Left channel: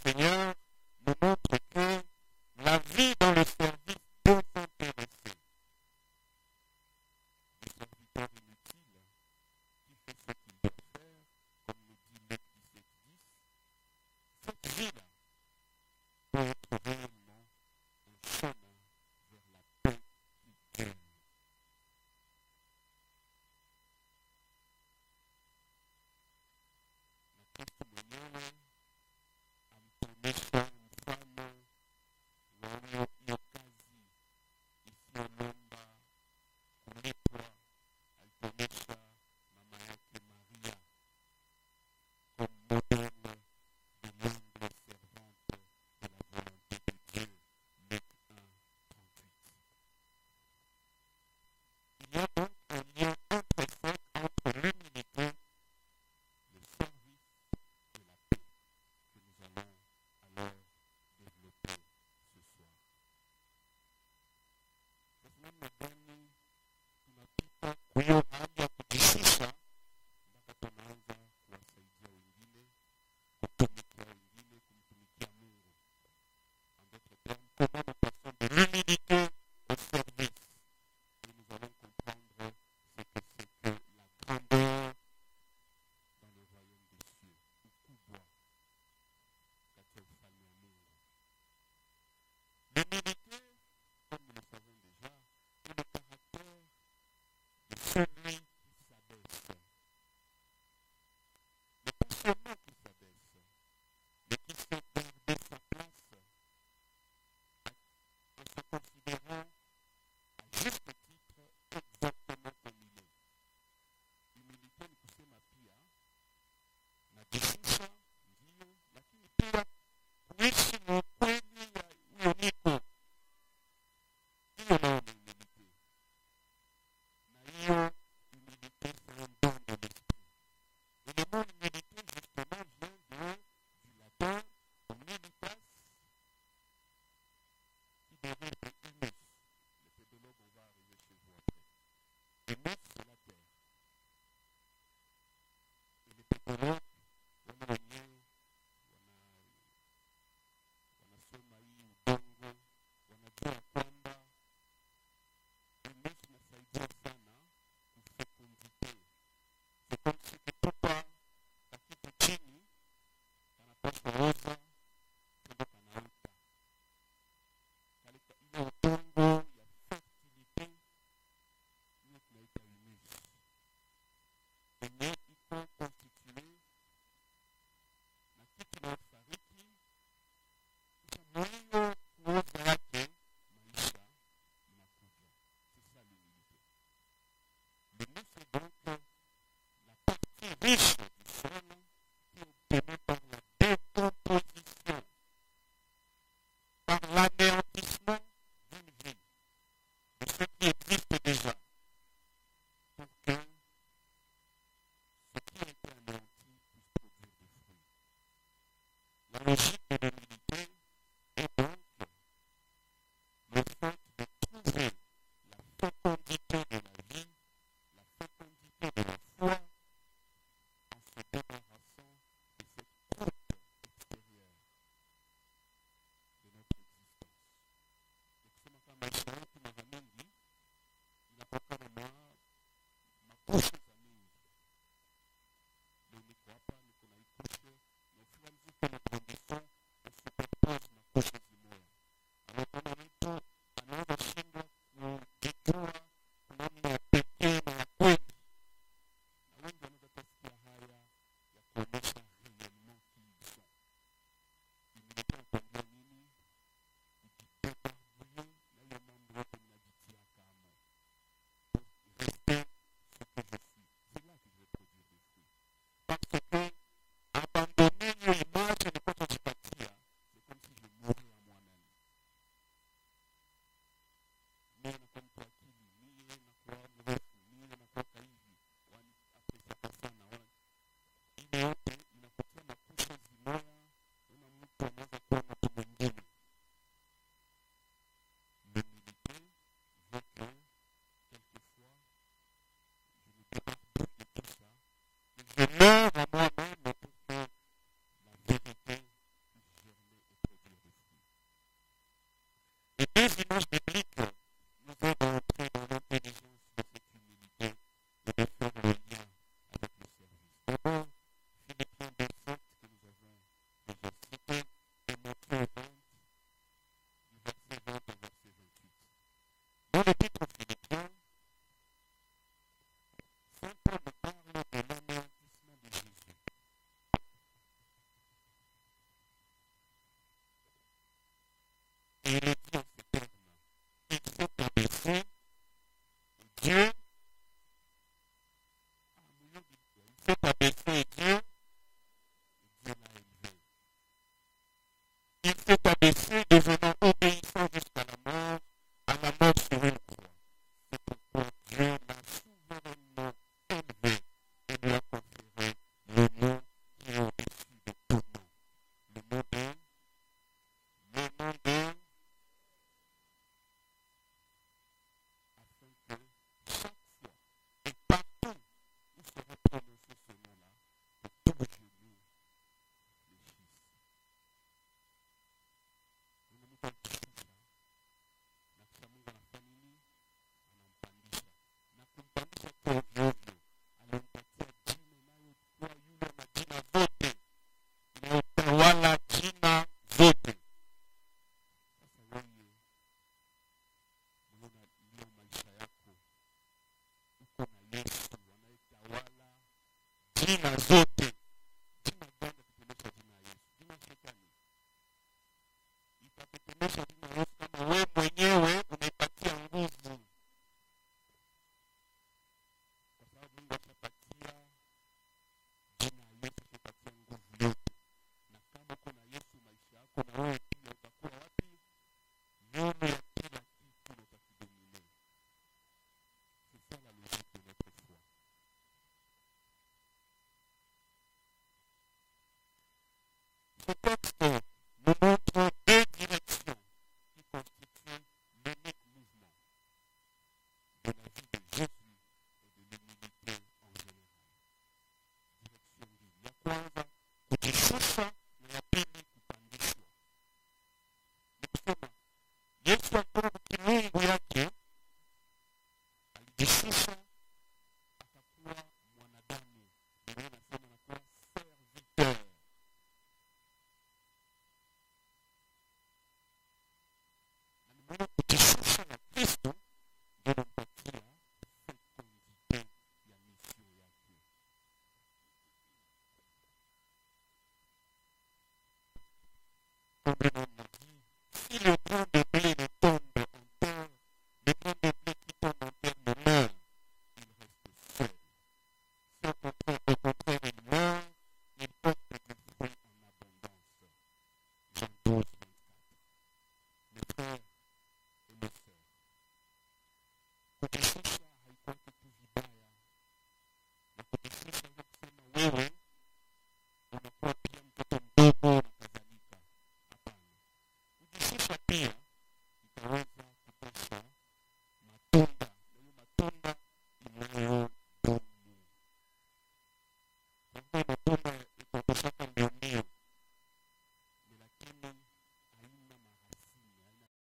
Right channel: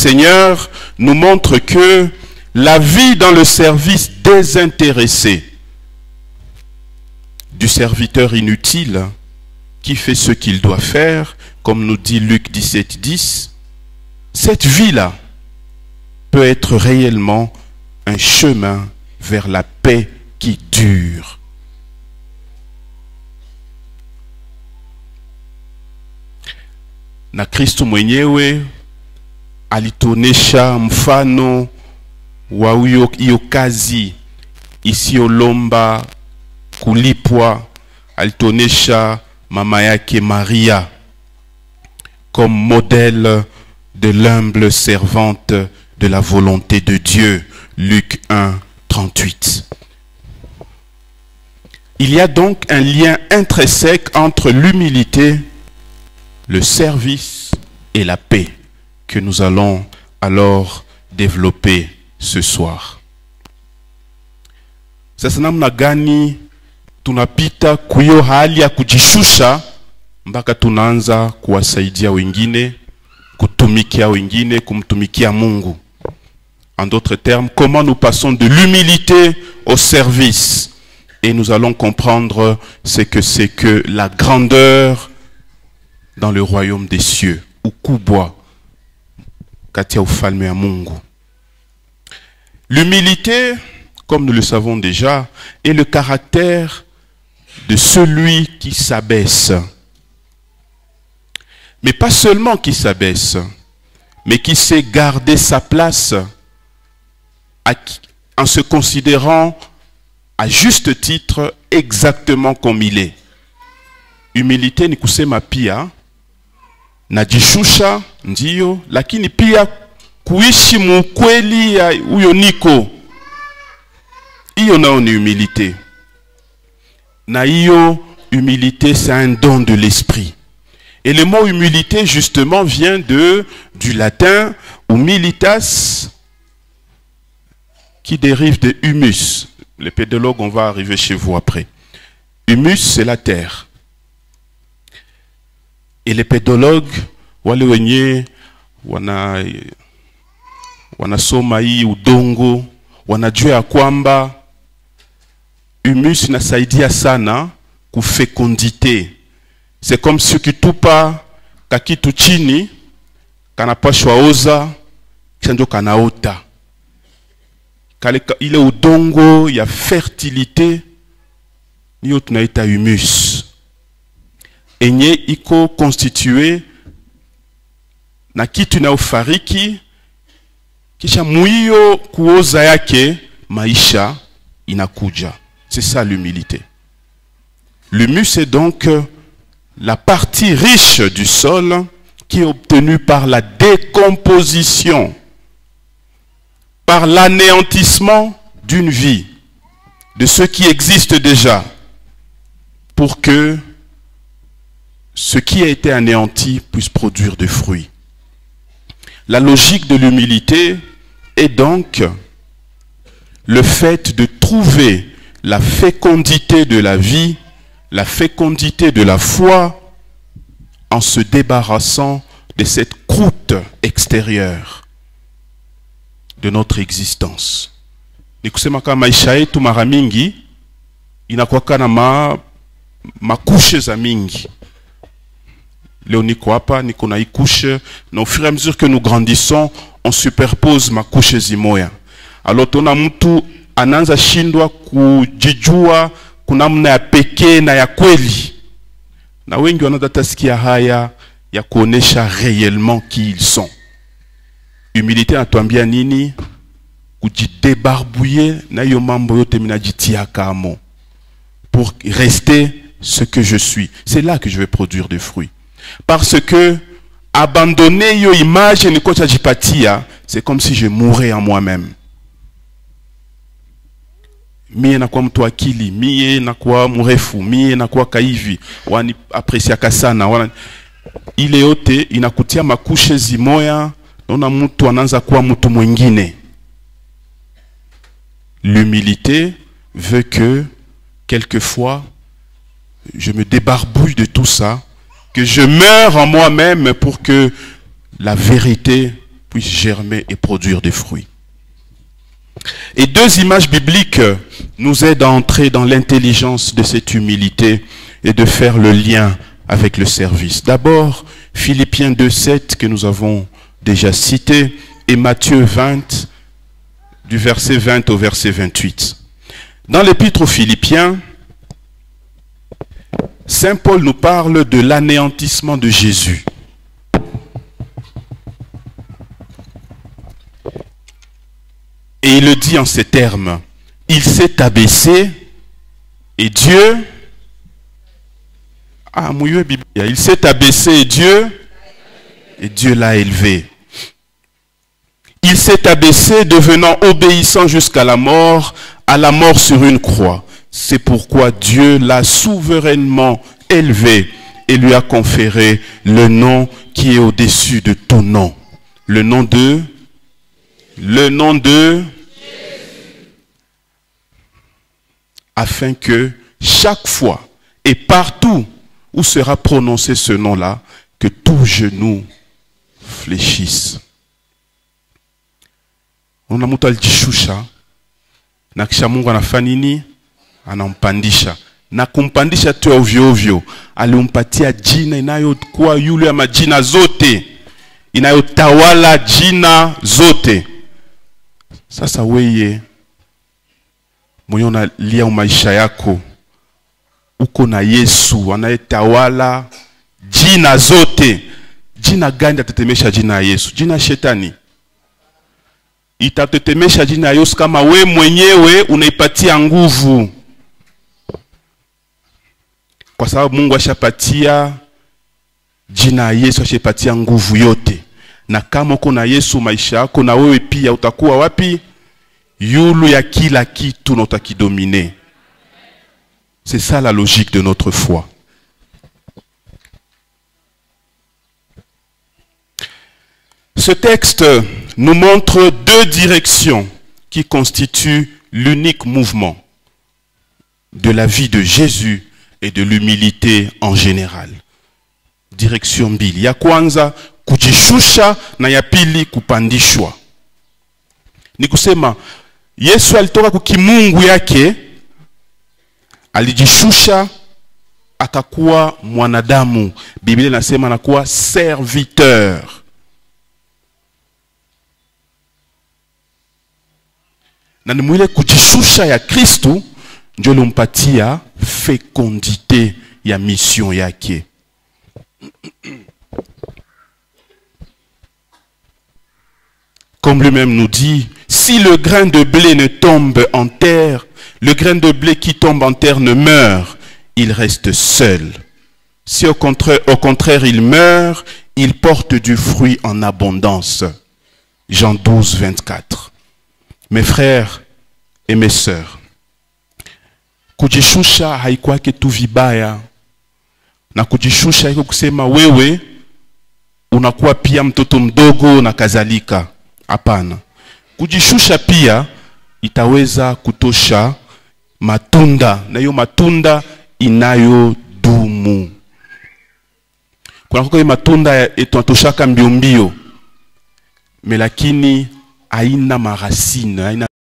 Seigneur nous montre que la vie dans le service désintéressé du serviteur inutile qui fait ce qu'il doit faire, comme nous dit Luc 17, 10, cette vie-là peut être réellement un chemin vers la paix qui dure. Na Kristo mwenyewe alituonesha mfano wa hiyo kazi isiyolomba kulipwa. Alituonesha mama yake Maria comme modèle de l'humble servante de la volonté de Dieu. Luc 1, 38. Il y a donc un lien intrinsèque entre l'humilité, le service et la paix que nous allons alors développer ce soir. Sasa namna gani tunapita kuyo hali ya kujishusha mpaka tunaanza kuwasaidia wengine, kutumikia wengine, kumtumikia Mungu. En d'autres termes, comment nous passons de l'humilité au service. Et nous allons comprendre ce que c'est que la grandeur dans le royaume des cieux. Ukubwa katia ufalme ya Mungu. L'humilité, comme nous le savons déjà, est le caractère de celui qui s'abaisse. Mais pas seulement qui s'abaisse, mais qui sait garder sa place en se considérant à juste titre exactement comme il est. Humilité ni kusema pia najishusha ndiyo, lakini pia kuishi mukweli ya uyo niko. Iyo nao ni humilité. Na iyo humilité, c'est un don de l'esprit. Et le mot humilité justement vient du latin humilitas, qui dérive de humus. Les pédologues, on va arriver chez vous après. Humus, c'est la terre. Et les pédologues, wale wenye wanasoma hii udongo, wanajua ya kwamba humus inasaidia sana kufekondite. C'est comme si ukitupa kakitu chini, kanapashwa oza, kisha ndio kanaota. Ile udongo ya fertilité niyo tunaita humus. Enye iko constitué na kitu inayofariki, kisha muiyo kuoza yake maisha inakuja. C'est ça l'humilité. L'humus est donc la partie riche du sol qui est obtenue par la décomposition, par l'anéantissement d'une vie, de ce qui existe déjà, pour que ce qui a été anéanti puisse produire des fruits. La logique de l'humilité est donc le fait de trouver la fécondité de la vie, la fécondité de la foi, en se débarrassant de cette croûte extérieure de notre existence. Ni kusema kama maisha yetu mara mingi inakuwa na makushe za mingi. Leo niko hapa, niko na ikushe, na au fur et à mesure que nous grandissons, on superpose makushe zimoya. Alors tuna mtu anaanza shindwa kujijua kunamna ya pekee na ya kweli. Na wengi wanatasikia haya ya kuonesha réellement qui ils sont. Humilité anatuambia nini? Kujidébarbouiller na hiyo mambo yote minajitia kamo pour rester ce que je suis. C'est là que je vais produire des fruits. Parce que abandonner yo image ni kocha jipatia, c'est comme si je mourais en moi-même. Mie nakuwa mtu akili, mie nakuwa mrefu, mie nakuwa kaivi, wani apresiaka sana. Ile yote inakutia makushe zimoya, naona mtu anaanza kuwa mtu mwingine. L'humilité veut que, quelquefois, je me débarbouille de tout ça, que je meure en moi-même pour que la vérité puisse germer et produire des fruits. Et deux images bibliques nous aident à entrer dans l'intelligence de cette humilité et de faire le lien avec le service. D'abord, Philippiens 2,7 que nous avons déjà cité et Matthieu 20, du verset 20 au verset 28. Dans l'épître aux Philippiens, Saint Paul nous parle de l'anéantissement de Jésus. Et il le dit en ces termes, il s'est abaissé et Dieu, il s'est abaissé et Dieu l'a élevé. Il s'est abaissé devenant obéissant jusqu'à la mort sur une croix. C'est pourquoi Dieu l'a souverainement élevé et lui a conféré le nom qui est au-dessus de tout nom. Le nom de afin que chaque fois et partout où sera prononcé ce nom-là, que tout genou fléchisse. On a mtu alijishusha na kisha Mungu anafanya nini? Anampandisha. Na kumpandisha tu ovyo ovyo, alimpatia jina inayokuwa yule ya majina zote, inayotawala jina zote. Sasa weye mwenye unalia maisha yako, uko na Yesu anayetawala jina zote. Jina gani atatetemesha jina ya Yesu? Jina shetani. Itatetemesha jina ya Yesu kama we mwenyewe unaipatia nguvu. Kwa sababu Mungu ashapatia jina ya Yesu, ashapatia nguvu yote. Na kama uko na Yesu maisha yako, na wewe pia utakuwa wapi? Yulu ya kila kitu na utakidomine. C'est ça la logique de notre foi. Ce texte nous montre deux directions qui constituent l'unique mouvement de la vie de Jésus et de l'humilité en général. Direction mbili. Ya kwanza kujishusha na ya pili kupandishwa. Ni kusema Yesu alitoka kukimungu yake, alijishusha akakuwa mwanadamu. Biblia inasema anakuwa serviteur. Na ni mwile kujishusha ya Kristu ndio lumpatia fécondité ya mission yake. Comme lui-même nous dit, si le grain de blé ne tombe en terre, le grain de blé qui tombe en terre ne meurt, il reste seul. Si au contraire il meurt, il porte du fruit en abondance. Jean 12, 24. Mes frères et mes sœurs, kujishusha haikuwake tu vibaya, na kujishusha haiko kusema wewe unakuwa pia mtoto mdogo na kadhalika. Hapana. Kujishusha pia itaweza kutosha matunda, na hiyo matunda inayodumu. Kuna kwa matunda tunatoshaka mbio mbio, lakini haina marasine, haina